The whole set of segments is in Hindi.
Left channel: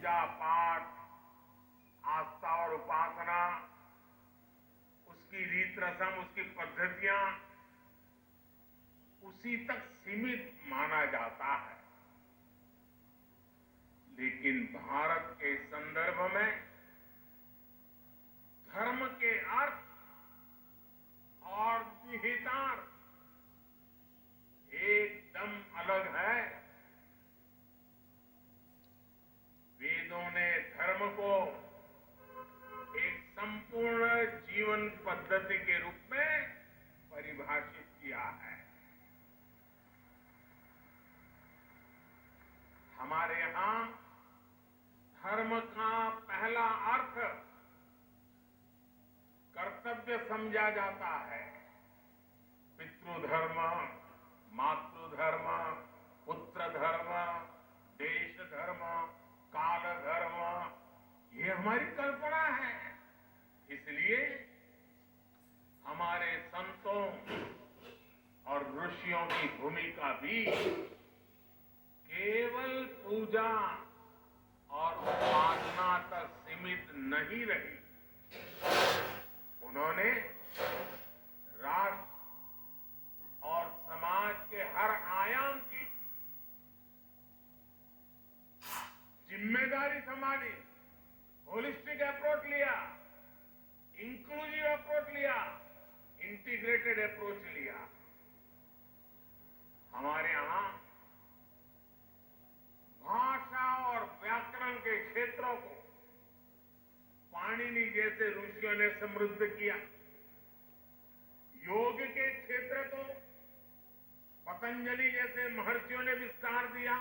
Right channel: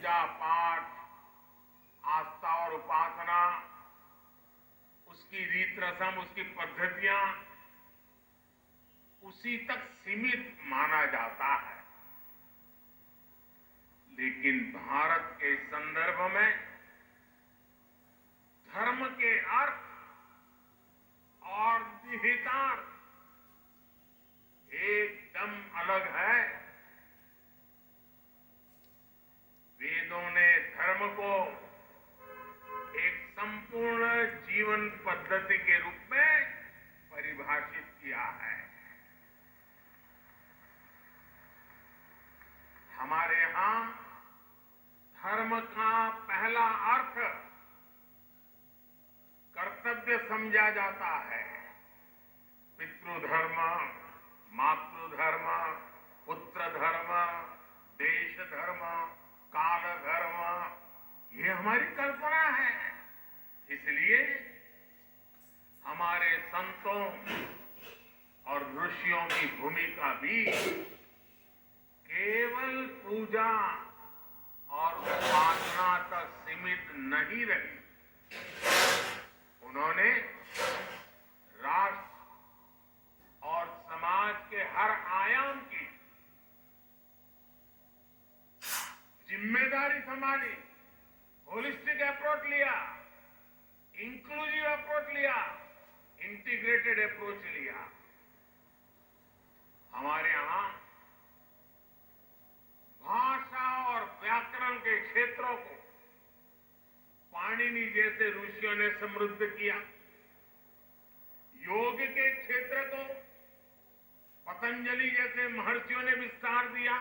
पूजा पाठ, आस्था और उपासना, उसकी रीत रस्म, उसकी पद्धतियां उसी तक सीमित माना जाता है। लेकिन भारत के संदर्भ में धर्म के अर्थ और निहितार्थ एकदम अलग है। वेदों ने धर्म को एक संपूर्ण जीवन पद्धति के रूप में परिभाषित किया है। हमारे यहां धर्म का पहला अर्थ कर्तव्य समझा जाता है। पितृधर्म, मातृधर्म, पुत्र धर्म, देश धर्म, काल धर्म, ये हमारी कल्पना है। इसलिए हमारे संतों और ऋषियों की भूमिका भी केवल पूजा और उपासना तक सीमित नहीं रही। उन्होंने राष्ट्र और समाज के हर आयाम की जिम्मेदारी संभाली, होलिस्टिक अप्रोच लिया, इंक्लूसिव अप्रोच लिया, इंटीग्रेटेड अप्रोच लिया। हमारे यहां भाषा और व्याकरण के क्षेत्रों को पाणिनि जैसे ऋषियों ने समृद्ध किया। योग के क्षेत्र को पतंजलि जैसे महर्षियों ने विस्तार दिया।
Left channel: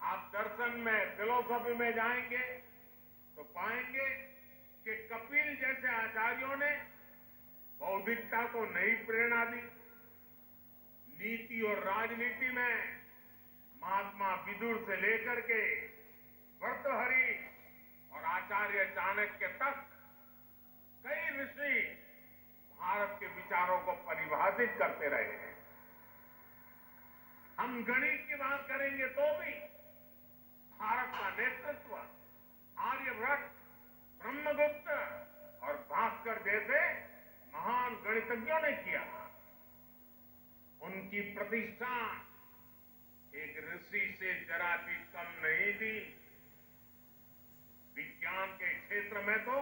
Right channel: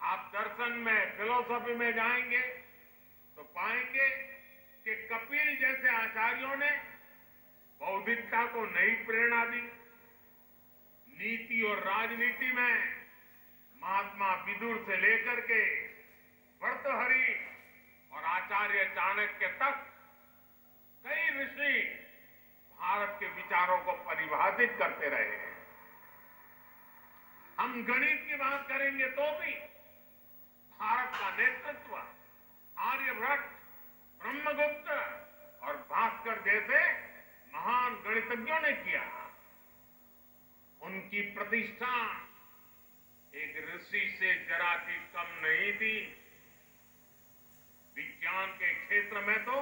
आप दर्शन में, फिलोसॉफी में जाएंगे तो पाएंगे कि कपिल जैसे आचार्यों ने बौद्धिकता को नई प्रेरणा दी। नीति और राजनीति में महात्मा विदुर से लेकर के भर्तृहरि और आचार्य चाणक्य तक कई ऋषि भारत के विचारों को परिभाषित करते रहे हैं। हम गणित की बात करेंगे तो भी भारत का नेतृत्व आर्यभट्ट, ब्रह्मगुप्त और भास्कर जैसे महान गणितज्ञों ने किया। उनकी प्रतिष्ठा एक ऋषि से जरा भी कम नहीं थी। विज्ञान के क्षेत्र में तो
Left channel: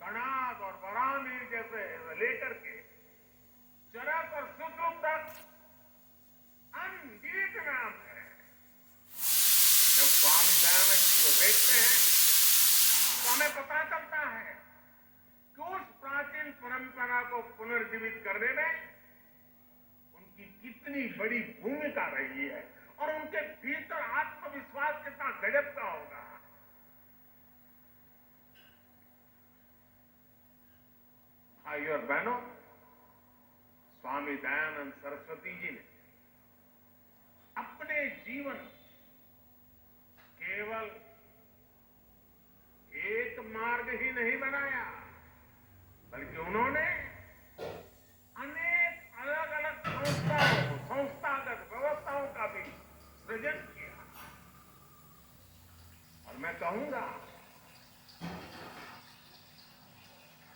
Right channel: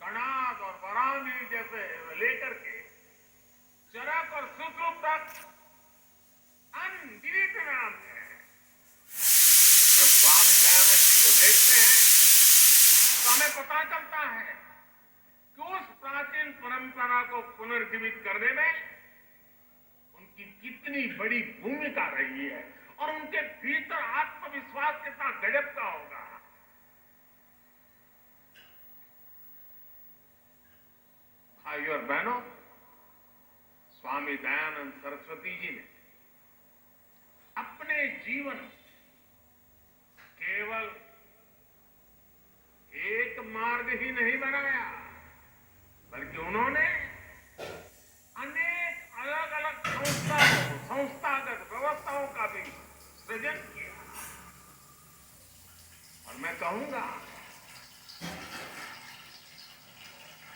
कणाद और बरामीर जैसे लेकर के चरक और सुश्रुत तक अनगिनत नाम है। जब स्वामी दयानंद जी को देखते हैं तो हमें पता चलता है कि उस प्राचीन परंपरा को पुनर्जीवित करने में उनकी कितनी बड़ी भूमिका रही है और उनके भीतर आत्मविश्वास कितना गजब का होगा। भाइयों और बहनों, स्वामी दयानंद सरस्वती जी ने अपने जीवन केवल एक मार्ग ही नहीं बनाया, बल्कि उन्होंने अनेक अलग अलग संस्थागत व्यवस्थाओं का भी सृजन किया। और मैं कहूंगा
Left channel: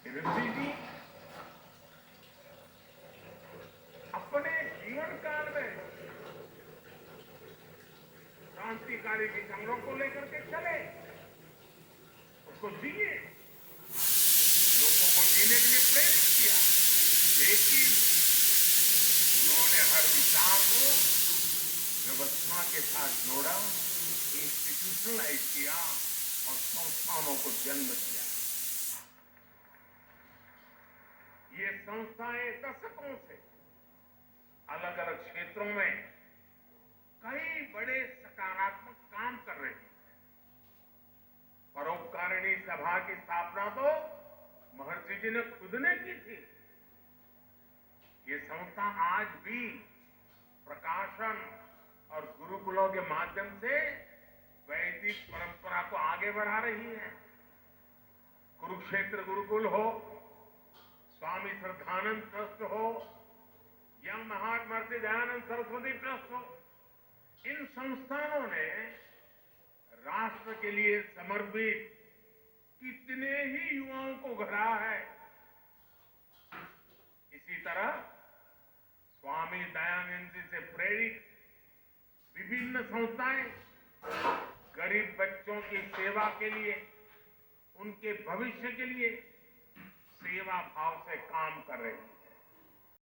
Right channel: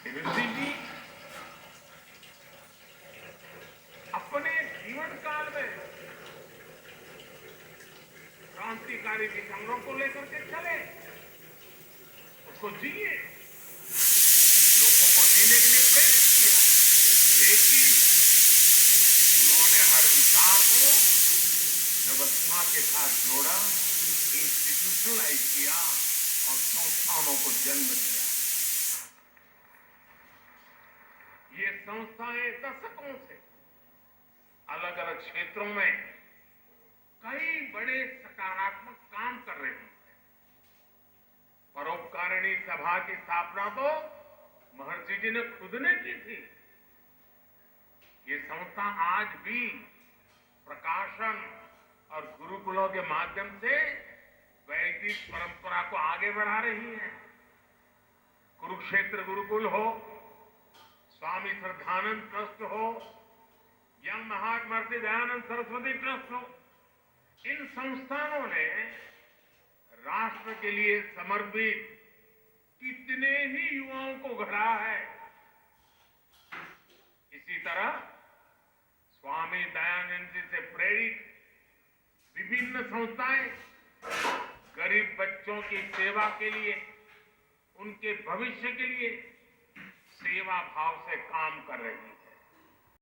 कि ऋषि जी अपने जीवन काल में क्रांतिकारी विचारों को लेकर के चले, उसको जिए, लोगों को जीने के लिए प्रेरित किया। लेकिन उन्होंने हर विचार को व्यवस्था के साथ जोड़ा, इंस्टीट्यूशनलाइज किया और संस्थानों को जन्म दिया। ये संस्थाएं दशकों से अलग अलग क्षेत्रों में कई बड़े सकारात्मक काम कर रही है। परोपकारिणी सभा की स्थापना तो महर्षि जी ने खुद ने की थी। ये संस्था आज भी प्रकाशन और गुरुकुलों के माध्यम से वैदिक परंपरा को आगे बढ़ा रही है। कुरुक्षेत्र गुरुकुल हो, स्वामी श्रद्धानंद ट्रस्ट हो या महात्मा दयानंद सरस्वती ट्रस्ट हो, इन संस्थानों ने राष्ट्र के लिए समर्पित कितने ही युवाओं को गढ़ा है। इसी तरह स्वामी दयानंद जी से प्रेरित विभिन्न संस्थाएं गरीब बच्चों की सेवा के लिए, उनके भविष्य के लिए सेवा भाव से काम कर रही हैं।